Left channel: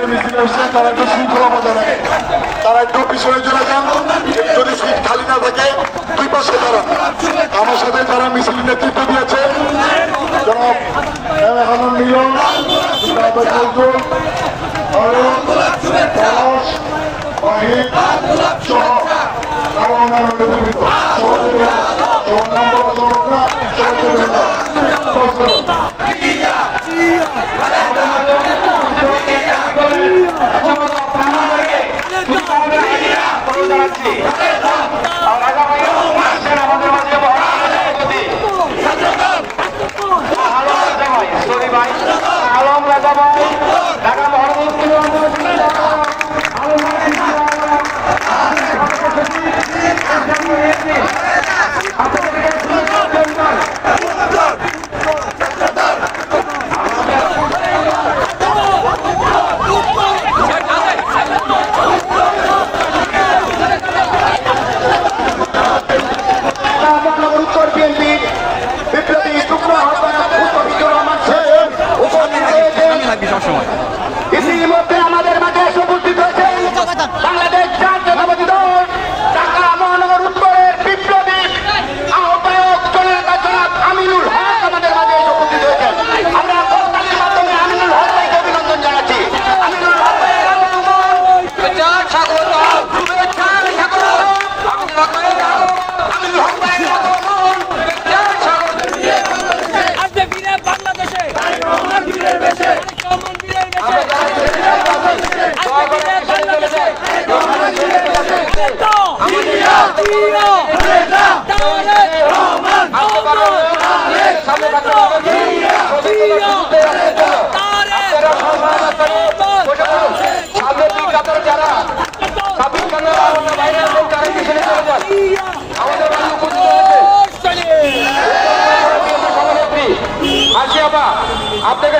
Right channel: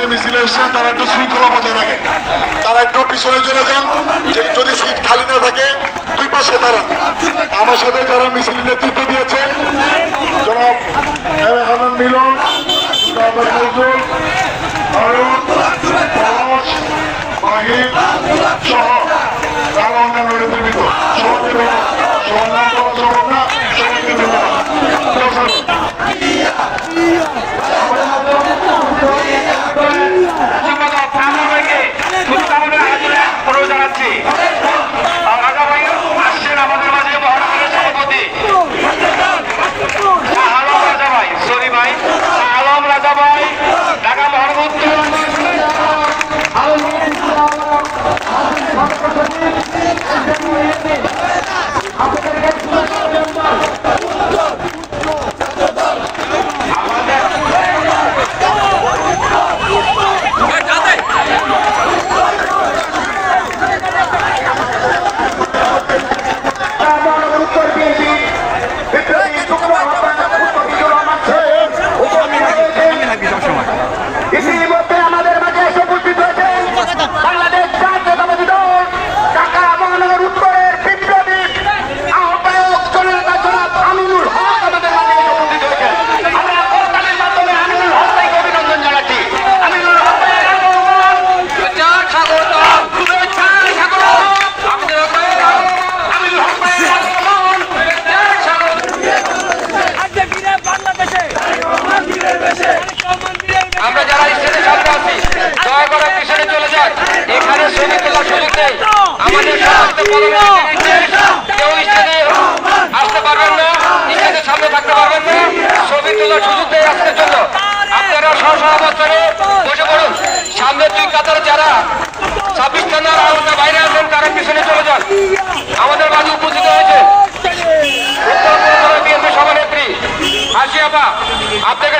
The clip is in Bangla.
যে মিছিলে এসছেন তারা একটু শৃঙ্খলা বজায় রাখে তারা একটু পিছনে চলে যান যদি সিট খালি না থাকে দুই পাশে দাঁড়ান আমার সাথে যারা মিছিল নেতৃত্ব দিয়েছে জনাব মিলন সহ তারা রাজা ভাই ঢাকা মহানগর আছি। দয়া করে চলে যান এখানে কেউ স্টেজে আসতে পারবেন না থাকতে পারবেন না। তোলার সুযোগ নেই আজকের জন্য। আপনারা সহসভাবাদ করে সামনে যারা বাইরে আছেন, তারা চলে যান। আমাদের মাঝে উপস্থিত হয়েছে উত্তর আপনাকে